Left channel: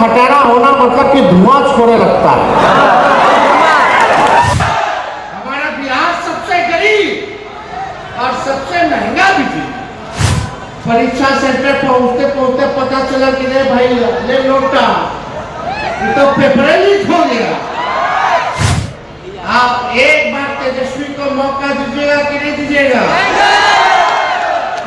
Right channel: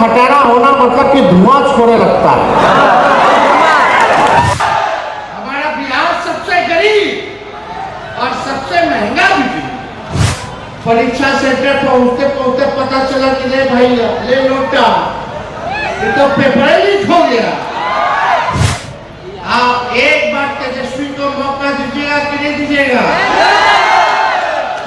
खटारा होना मतलब कि धुआं छोड़े लगता है। हमारा बिहार सबसे गरीब और सबसे महंगा भी थी। परीक्षा सेंटर पहुंचते पहुंचते पता चला कि नहीं भाई ले नोटा, ये तो पेपर लीक हो गया। आप एक बार तेजस्वी को मौका दीजिएगा कि नहीं दीजिएगा?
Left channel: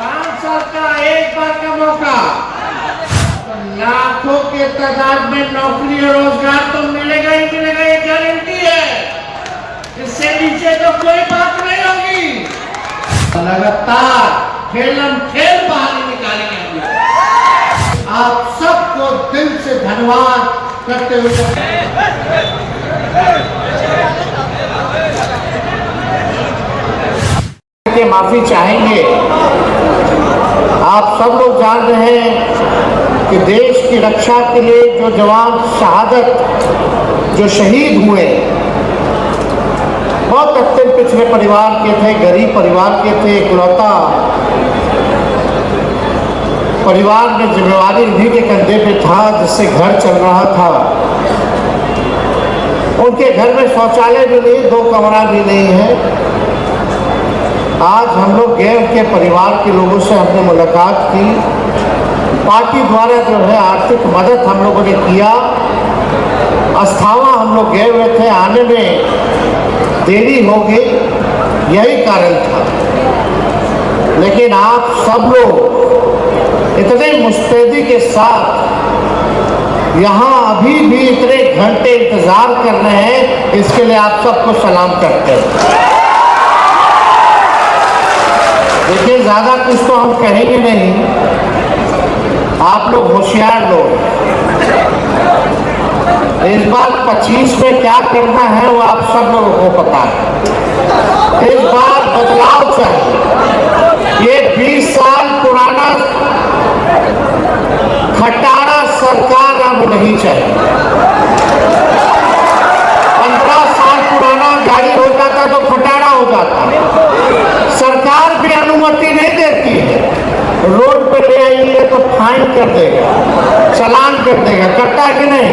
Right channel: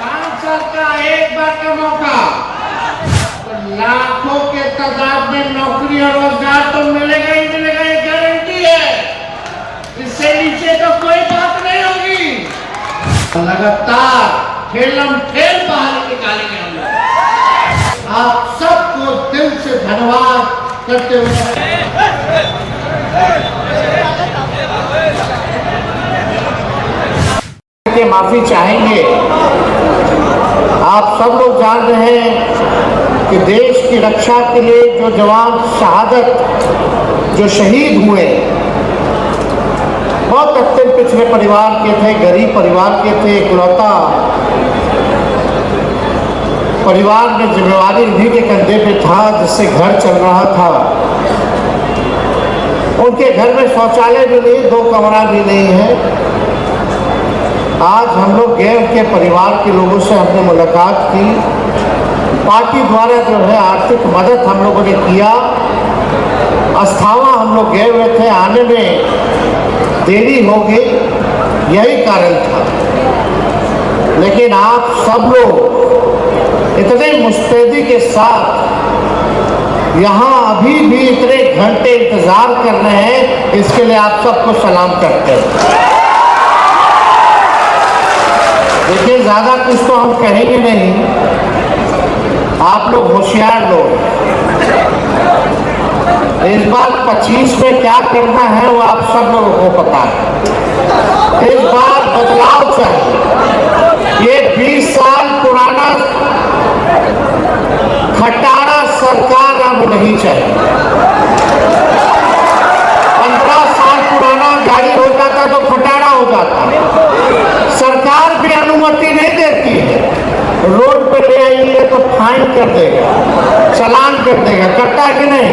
5 साल का एक बार का मौका, तो लाखों के तादाद में नौकरी और रोजगार तो मिलेगा ही मिलेगा, ये गारंटी है। इससे नीचे तो कोई बात नहीं होगी। लगातार खेलम खेल बाहर निकालेंगे हम लोग। आप सबको दिल से धन्यवाद करते हुए के माफी चाहेंगे। आप सब लोग जान रहे हैं कि देश की रक्षा के लिए जो जवान शहादत जो शहीद हुए, बहुत अत्यंत पिछड़े परिवार के थे, गरीब परिवार के थे, इकलौता परिवार में जिम्मेवारी उन्हीं के कंधे पे था, जिससे घर चल रहा था। उनके घर में शौचालय भी नहीं, 2 कमरा भी नहीं है। आज हम लोग गए, उनके परिवार के लोगों से हमने मुलाकात की। पार्टी द्वारा जो है आर्थिक मदद हम लोगों ने किया। अस्थावा हम लोग गए हुए थे, आने में देरी हो गई, यही कारण था। लेकिन आप सब लोग इतने मुस्तैदी के साथ यहाँ अभी भी इतने घंटे इंतजार कर रहे हैं, इसके लिए आप सबको सलाम करते हैं। देखिए, ज़्यादा कुछ तो हम कहेंगे नहीं, आप लोग होशियार लोग। इस बार 25 में क्या करना है वो आप सब लोगों को पता है। इस बार बदलाव चाहिए। ये 20 साल पुराना खटारा सरकार अब नहीं चाहिए। 15 साल पुराना गाड़ी हो जाता तो खटारा हो जाता। सरकार भी अनुमति नहीं देती है। रोड पे ले आइए तो फाइन कर देगा, चालान कर देगा, करता है कि नहीं?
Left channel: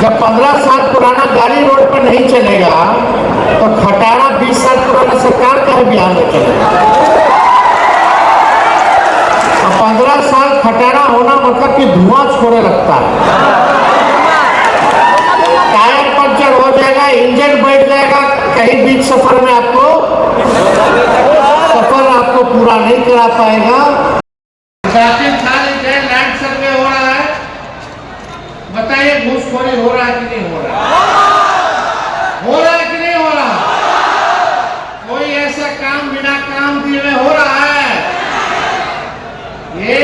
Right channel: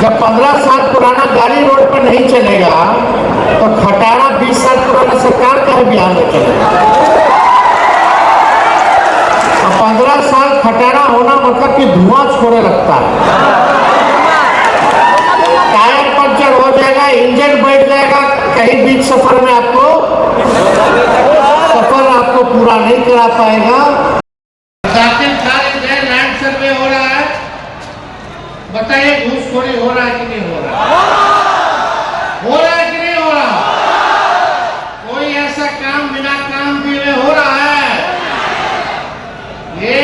जब 15 साल पुराना गाड़ी रोड पर नहीं चलेगा तो खटारा 20 साल पुराना सरकार का है बिहार में चलेगा। 15 साल खटारा होना मतलब कि धुआं छोड़े लगता है। टायर पंचर हो जाएगा, इंजन बैठ जाएगा, कहीं बीच सफर में सफर आपको पूरा नहीं करा पाएगा। लैंड सर्वे हो रहा है, बताइए घूसखोरी हो रहा है कि नहीं हो रहा है? हो रहा है कि नहीं हो रहा? कोई ऐसा काम बिना काम दिए हो रहा है? ये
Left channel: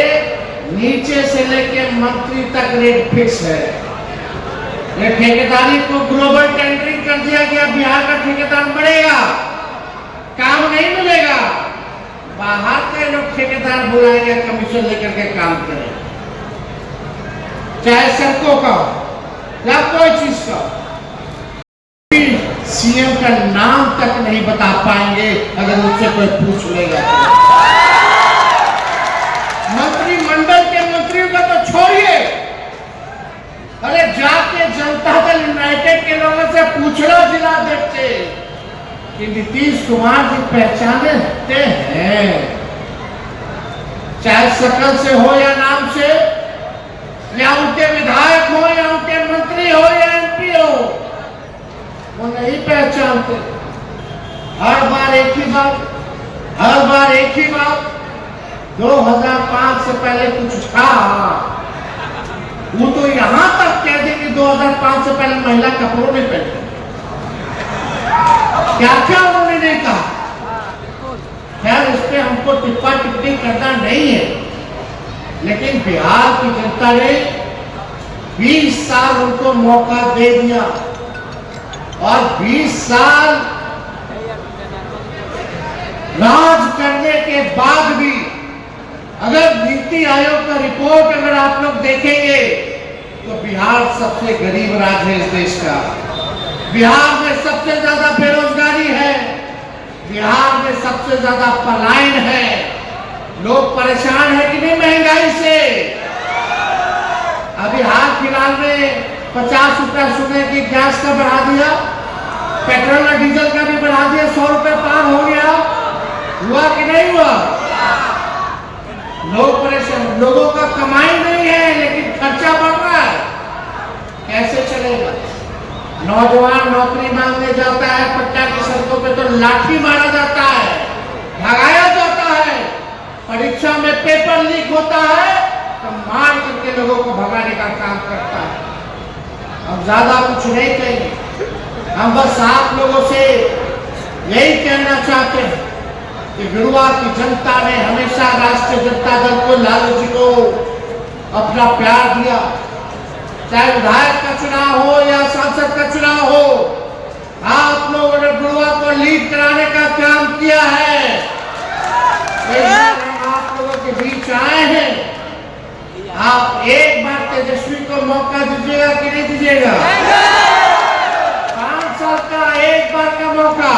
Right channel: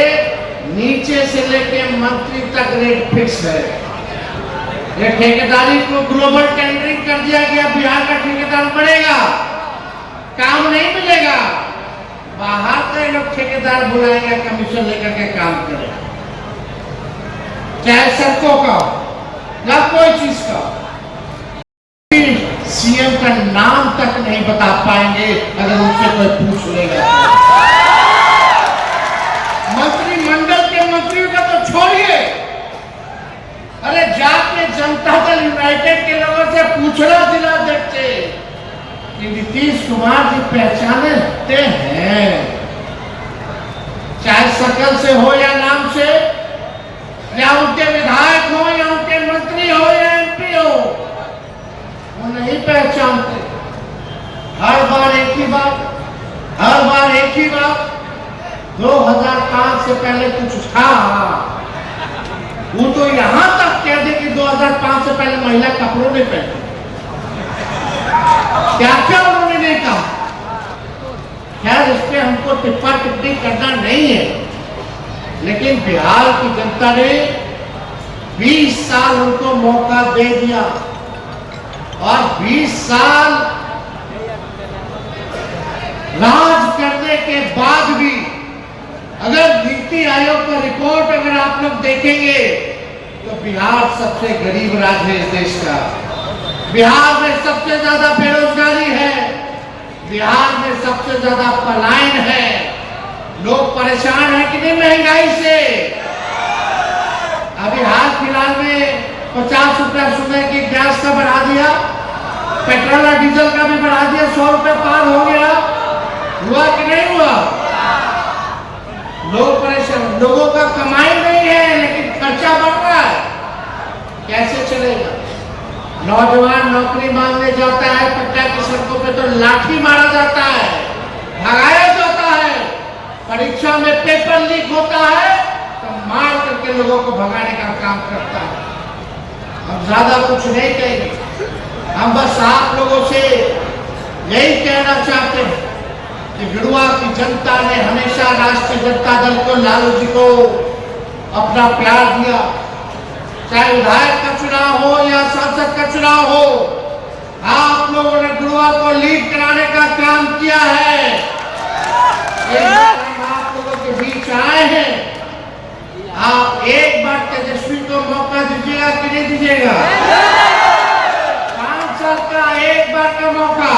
नीचे से लेके मंत्री तक रेट फिक्स है। ये ठेकेदारी को ग्लोबल टेंडरिंग कर दिया गया। बिहार का ठेकेदार बढ़ेगा, काम नहीं मिलेगा, बाहर से लोग ठेकेदार बुलाएंगे, कमीशन लेकर के काम करें, चाहे सड़कों का या कोई चीज का। सीएम का नाम तक नहीं बता पाएंगे अगर उनसे कोई पूछ लेगा। मंत्रिमंडल के मंत्रियों का तो छोड़िए, अरे जाके जनता दल यूनाइटेड के लोगों से पूछना जिला देखते कि नीतीश कुमार जी पहचानते हैं, चाहे शकल से हो या नाम से, या उनके विधायक हो या उनके मंत्री हो या एमपी हो, वो नहीं पहचानते। हर बार एक ही बात, हर बार एक ही बात। 2005 से पहले कुछ था, वो तो यहां तक कह दे कि 2005 से पहले महिला कपड़ों नहीं पहनती। क्या क्या उन्होंने नहीं कहा? खैर, इस पे हमको टिप्पा टिप्पणी करना नहीं है, लेकिन बिहार की जनता ने 20 साल उनको मौका दे दिया और 20 साल राज करने के बाद भी अगर नीति आयोग का रिपोर्ट अगर आप लोग देखेंगे तो बिहार सबसे गरीब राज्य है इस देश का। बिहार में सबसे ज्यादा बेरोजगारी है, बिहार में सबसे ज्यादा पलायन है। लोग परेशान है कि नहीं महंगाई से? अभी हाल क्या सुने कि गैस का बढ़ा दिया, पेट्रोल और डीजल का भी बढ़ा दिया, 100 रुपए पार हो गया। हुआ कि नहीं हुआ? लोग परेशान, लोगों का कमाई नहीं है लेकिन खर्चा बढ़ रहा है, कैसे चलेगा? नौजवान नौकरी मांगने जाता है पटना की सड़कों पे तो लाठी मारा जाता है, भगाया जाता है। परीक्षा में पेपर लीक होता है तो मार करके लोगों को भगाने का काम करता है। हम ज्यादा कुछ नहीं कहेंगे, हम बस आप लोगों से यही कहना चाहते हैं कि गिरुआ की जनता ने हमेशा राष्ट्रीय जनता दल को, लालू जी को अपना प्यार दिया। चाहे विधायक का चुनाव हो या सांसद का चुनाव हो, आप लोगों ने गिरुआ को लीड कराने का काम किया है। हम आप लोगों के बीच आए हैं, आप एक बार तेजस्वी को मौका दीजिएगा कि नहीं दीजिएगा? 5 साल का एक बार का मौका।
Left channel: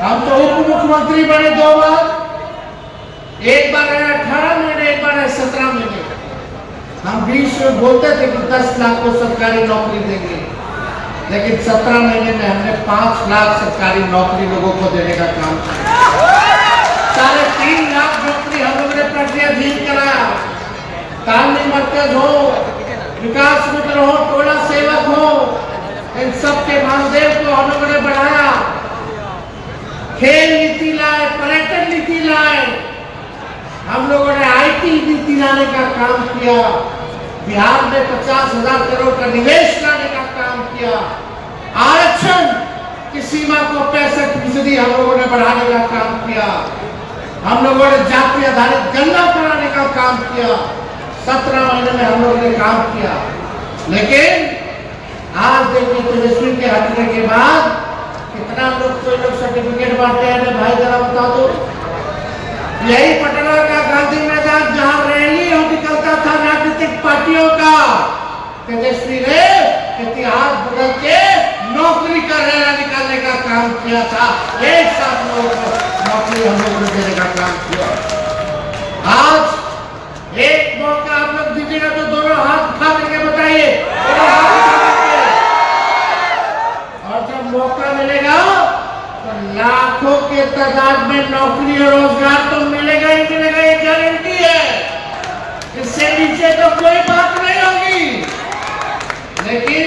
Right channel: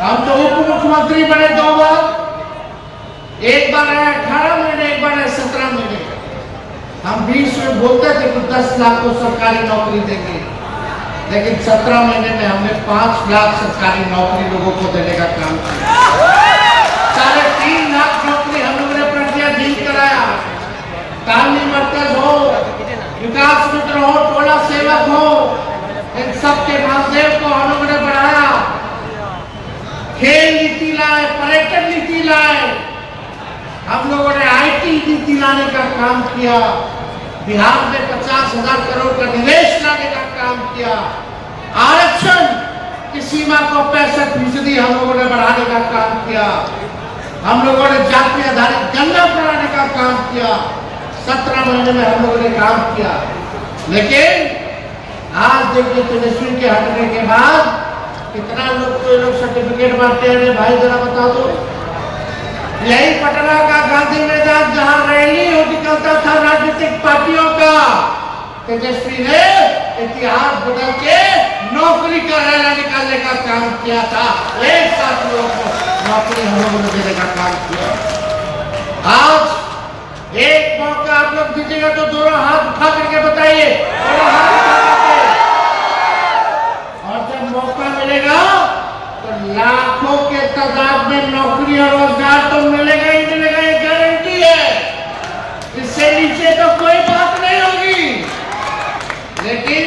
हम तो उप मुख्यमंत्री बने 2 बार, एक बार आया 18 महीने, एक बार आया 17 महीने। हम 20 में बोलते थे कि 10 लाख को सरकारी नौकरी देंगे, लेकिन 17 महीने में हमने 5 लाख सरकारी नौकरी लोगों को देने का काम किया। 3.5 लाख नौकरी हम लोगों ने प्रत्याधिक कराया। तालमी मरकज हो, विकास मित्र हो, टोला सेवक हो, इन सबके मानदेय को हम लोगों ने बढ़ाया। खेल नीति लाए, पर्यटन नीति लाए, हम लोगों ने IT नीति लाने का काम किया। बिहार में 50,000 करोड़ का निवेश लाने का काम किया। आरक्षण की सीमा को 65% हम लोगों ने बढ़ाने का काम किया। हम लोगों ने जाति आधारित गणना कराने का काम किया। 17 महीने में हम लोगों ने काम किया। लेकिन आज देखिए तेजस्वी के हटने के बाद कितना लोग सर्टिफिकेट बांटते हैं। भाई जरा बता दो, यही पटना का गांधी मैदान जहां रैली हो निकलता था राजनीतिक पार्टियों का, तेजस्वी ने इतिहास बदल के नौकरी का रैली निकालने का काम किया था। एक साथ लोगों को नौकरी हम लोगों ने देने का काम किया। आज एक मौका आप लोग दीजिएगा तो दोनों हाथ उठा करके बताइए, दोनों हाथ उठा करके। और जब मौका मिलेगा तो लाखों के तादाद में नौकरी और रोजगार तो मिलेगा ही मिलेगा, ये गारंटी है। इससे नीचे तो कोई बात नहीं होगी। लेकिन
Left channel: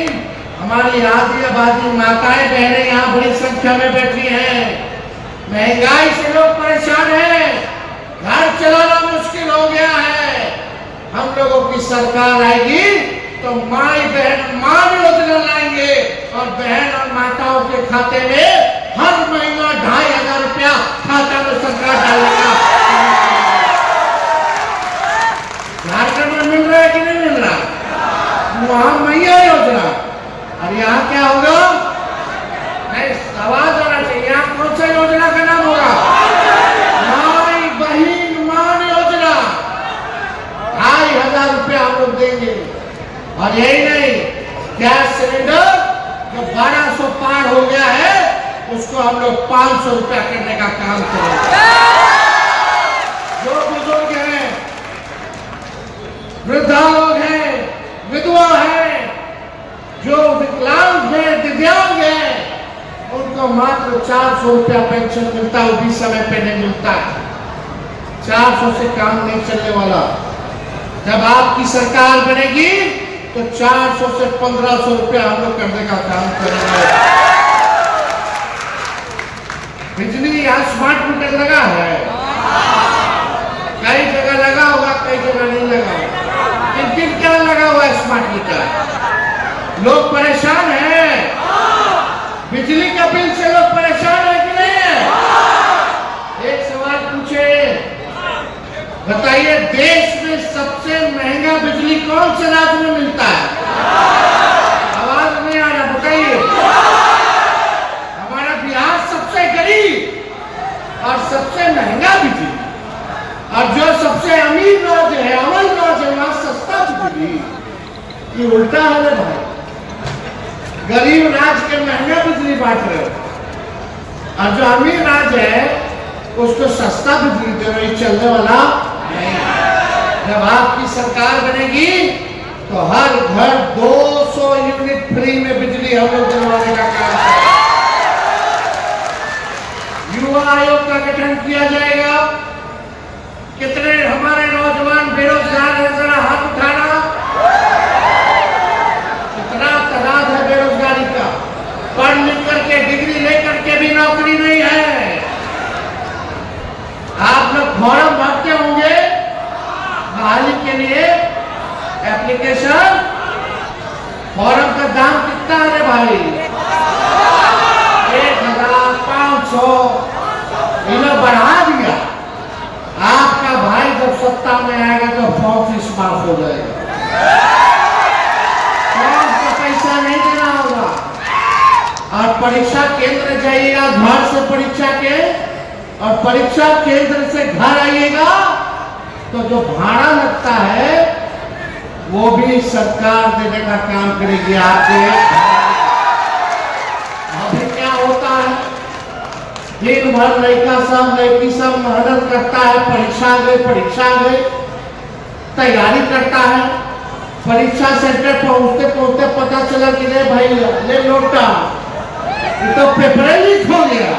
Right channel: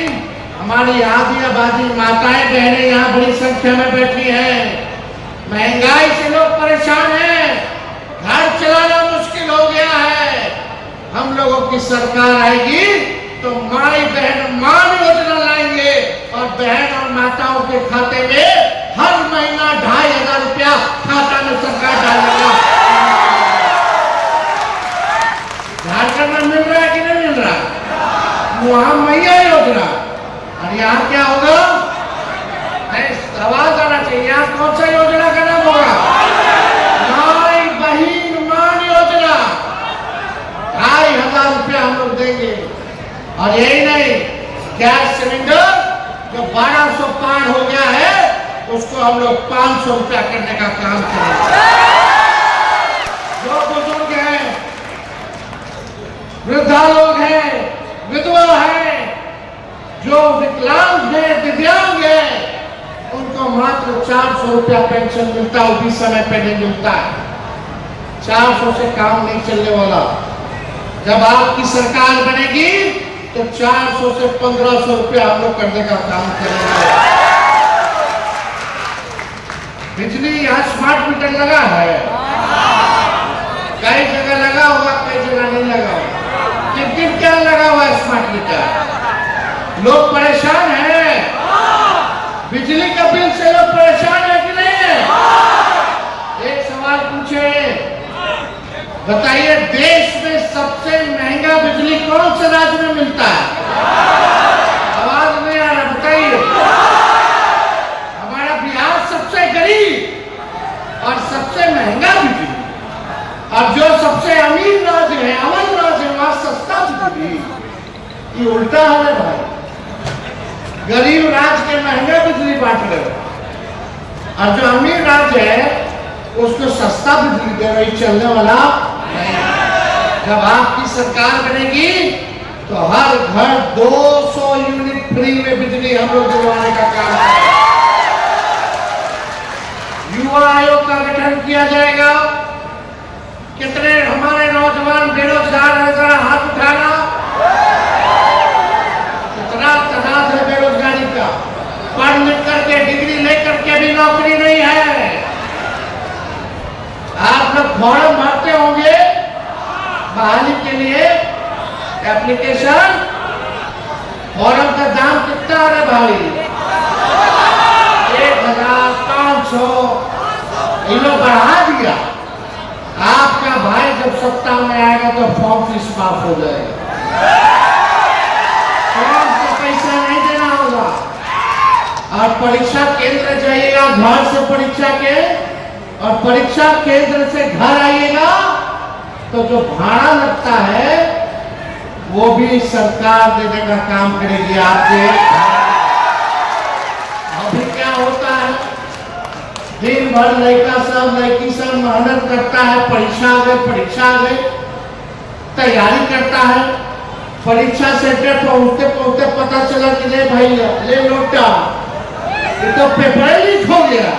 हमारी आधी आबादी माताएं बहनें यहाँ बड़ी संख्या में बैठी हैं। महंगाई से लोग परेशान हैं, घर चलाना मुश्किल हो गया है। हम लोगों की सरकार आएगी तो माई बहन मान योजना लाएंगे और बहन और माताओं के खाते में हर महीना 2,500 रुपया खाता में सरकार डालेगा। झारखंड में मिल रहा है कि नहीं मिल रहा? वहां मैया योजना, और यहाँ क्या होगा? आवाज आना चाहिए। यहाँ कौन सा योजना का नाम होगा? माई बहन मान योजना। 2,500 रुपया हम लोग देंगे। और यही नहीं, गैस सिलेंडर जो 1200 पार हो गया है उसको हम लोग 500 रुपया करने का काम करेंगे। जो बुजुर्ग हैं, वृद्धा लोग हैं, विधवा है, जो विकलांग है, दिव्यांग है, उनको मात्र 400 रुपया पेंशन मिलता है। वो भी समय पे नहीं मिलता है। 400 से काम नहीं चलने वाला। जब आपकी सरकार बनेगी तो 400 से 1,500 रुपया हम लोग करने का काम करेंगे। बिजली यहाँ स्मार्ट मीटर लगा है, कई जगह लगा हुआ, कई जगह नहीं लगा हुआ। किन क्या लगा हुआ है स्मार्ट मीटर? लोग परेशान हैं। बिजली का बिल से लोग परेशान है कि नहीं है? एक सवाल पूछे, बताइए, देश में सबसे महंगा बिजली कौन से राज्य में मिलता है? आवाज नहीं आ रहा, बताइए। हमारा बिहार सबसे गरीब और सबसे महंगा बिजली, और जो सबसे अमीर राज्य है, अमन राज्य है, वहां सस्ता बिजली। ये उल्टा हाल है भाई। गरीब राज्य के महंगा बिजली बांट रहे हो, और जो अमीर राज्य है उसको सस्ता बिजली दे रही। चलने वाला नहीं। जब आपकी सरकार बनेगी तो हर घर 2 200 यूनिट फ्री में बिजली हम लोग दिलवाने का काम करेंगे। युवा आयोग का गठन किया जाएगा। कितने हमारे नौजवान बेरोजगार है, जरा हाथ उठाना। कितना तादाद है बेरोजगारी का, पढ़ लिख करके डिग्री लेकर के भी नौकरी नहीं है। आप लोग फॉर्म भरते होंगे बहाली के लिए, एप्लीकेशन। फॉर्म का दाम कितना है भाई? 1500। ये लोग बढ़ा दिया। आपका भाई जब सत्ता में आएगा तो फॉर्म फीस माफ हो जाएगा, फॉर्म का पैसा नहीं देना होगा। और परीक्षा केंद्र जाइएगा, घर से परीक्षा के, और परीक्षा केंद्र से घर आइएगा तो जो भाड़ा लगता है वो भी सरकार देने का काम करेगी आपके। अभी क्या होता है, दिन भर लड़का सब लड़की सब मेहनत करता है, परीक्षा गए तैयारी करता है। परीक्षा सेंटर पहुंचते पहुंचते पता चला कि ले भाई ले नोटा, ये तो पेपर लीक हो गया।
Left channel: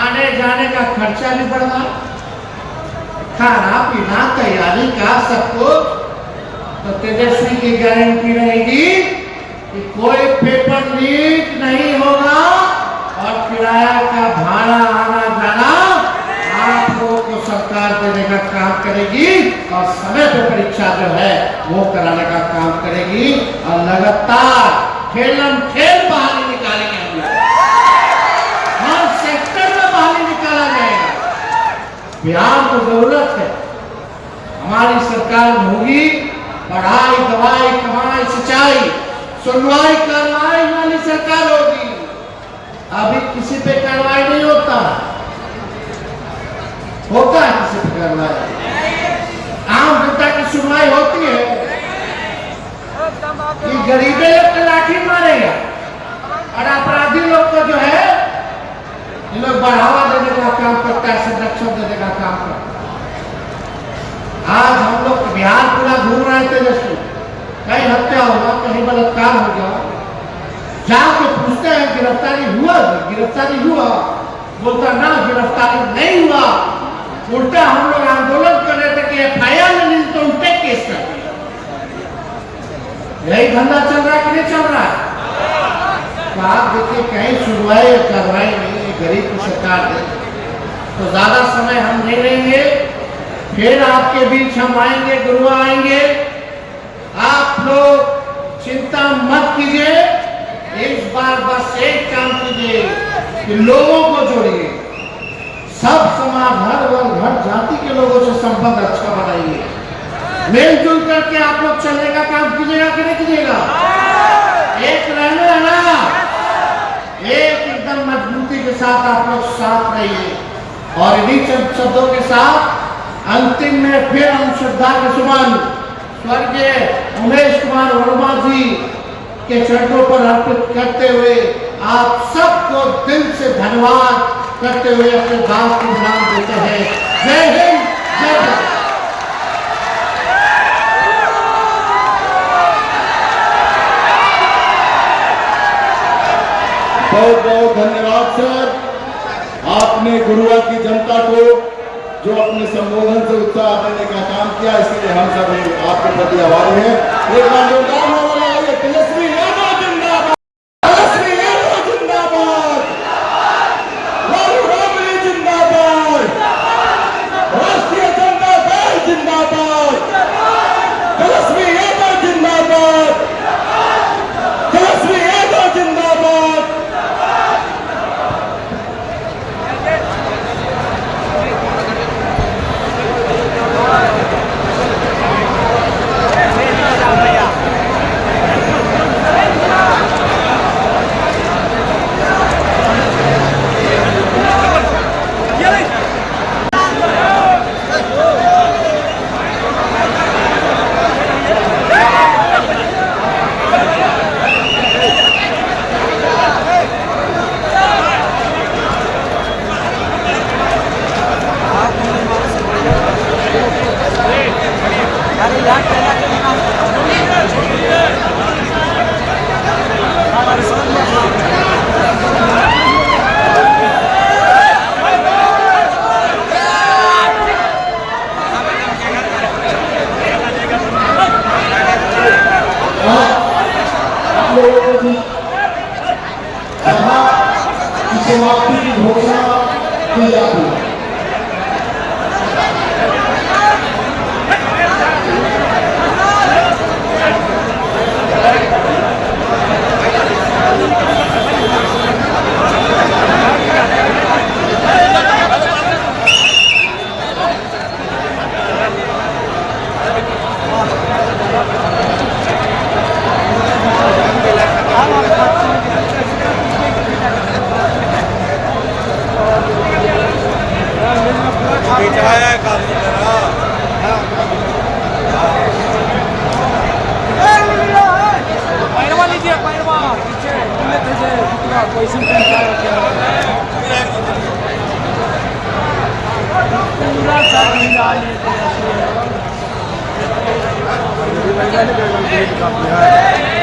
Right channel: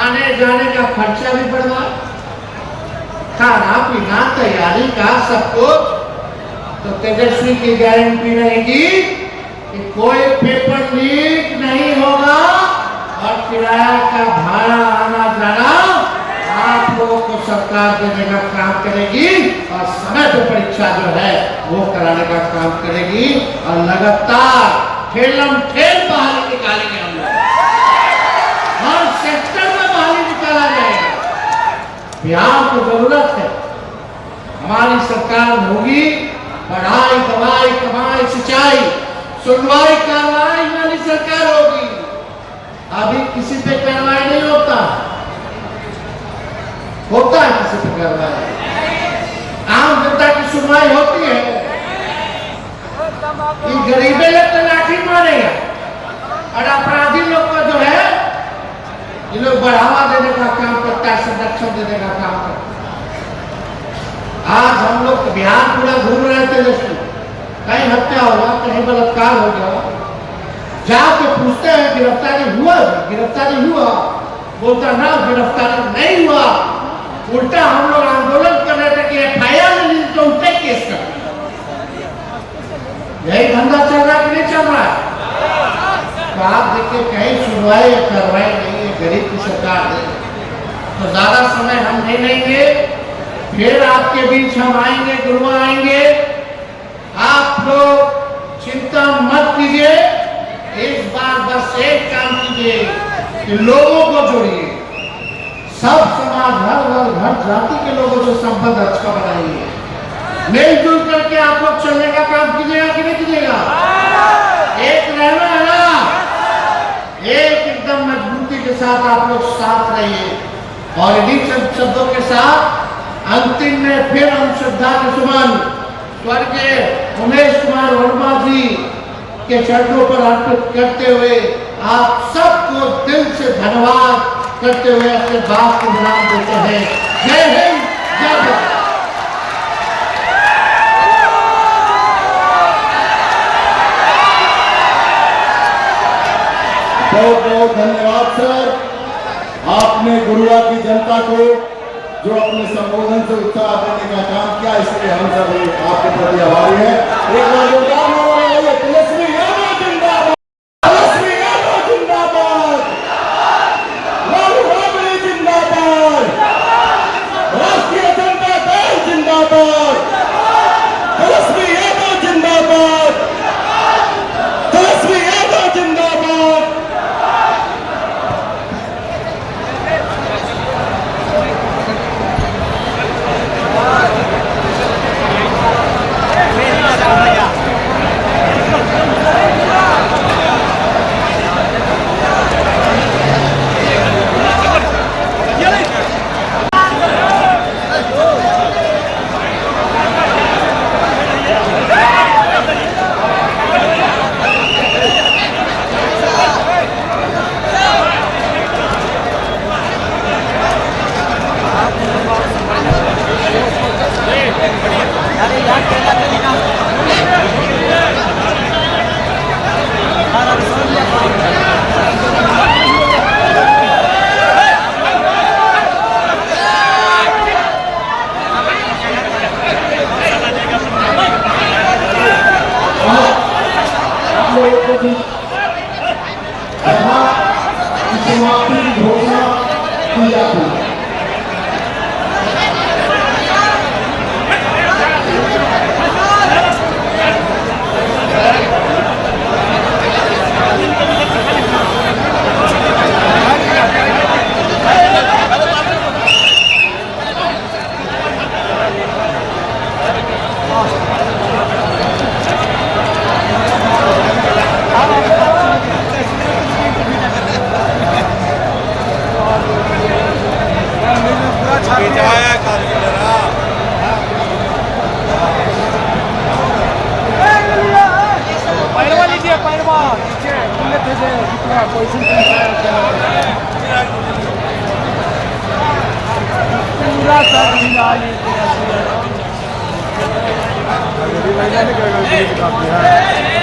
आने जाने का खर्चा भी बढ़ा, खाना पीना तैयारी का सब कुछ। तो तेजस्वी की गारंटी रहेगी कि कोई पेपर लीक नहीं होगा और किराया का भाड़ा आना जाना आप लोगों को सरकार देने का काम करेगी, और समय पे परीक्षा जो है वो कराने का काम करेगी। और लगातार ठेलम ठेल बहाली निकालेंगे हम लोग, हर सेक्टर में बहाली निकाला जाएगा। बिहार को जरूरत है, हमारी सरकार होगी, पढ़ाई दवाई कमाई सिंचाई सुनवाई कार्रवाई वाली सरकार होगी। अभी किसी पे कार्रवाई नहीं होता है किसी पे कार्रवाई, आम जनता की सुनवाई होती है कि गरीबे लोग तो लाठी मारेगा, और अपराधी लोग को जो है ये लोग बढ़ावा देने का काम करता है, संरक्षण देने का काम करता है। आज हम लोग बिहार पूरा घूम रहे थे, दोस्तों कहीं हत्या होगा, कहीं बलात्कार हो गया, जाके पूछते हैं गिरफ्तारी हुआ, बोलता ना गिरफ्तारी नहीं हुआ। उल्टा हम लोग आंदोलन कर रहे थे कि FIR नहीं तो उल्टे केस करते। यही धंधा चल रहा है कि नहीं चल रहा है? तो आप देखिए कहीं सुनवाई या कार्रवाई नहीं है, गरीब की सरकार है। तो ज्यादा समय हम नहीं लेंगे, फिर आपके बीच हम आएंगे, गुरु आएंगे। आप लोग चिंता मत कीजिए, इस बार बस एक काम कीजिए कि लोगों को जोड़िए, सब समाज हर वर्ग हर जाति के लोगों से संबंध अच्छा बनाइए, मिलजुल करके आप लोग चलने का काम कीजिएगा कि नहीं कीजिएगा? एक रहना है ना, एक एकदम मजबूती के साथ आप लोग साथ रहिए। और इन्हीं शब्दों के साथ अंतिम में फिर हम श्रद्धा के सुमन स्वर्गीय उमेश कुमार वर्मा जी के चरणों पर अर्पित करते हुए आप सबको दिल से धन्यवाद करते हुए अपने बात को विराम देते हैं। जय हिंद, जय भारत। बहुत बहुत धन्यवाद सर, आपने गुरुआ की जनता को जो अपने संबोधन से उत्साह देने का काम किया, इसलिए हम सभी आपके प्रति आभारी हैं। एक बार योगदान हो रहा है, तेजस्वी यादव जिंदाबाद, तेजस्वी यादव जिंदाबाद, राहुल गांधी जिंदाबाद, राष्ट्रीय जनता दल जिंदाबाद, तेजस्वी यादव जिंदाबाद, तेजस्वी यादव जिंदाबाद। पोजिशन पूरा सब काफी है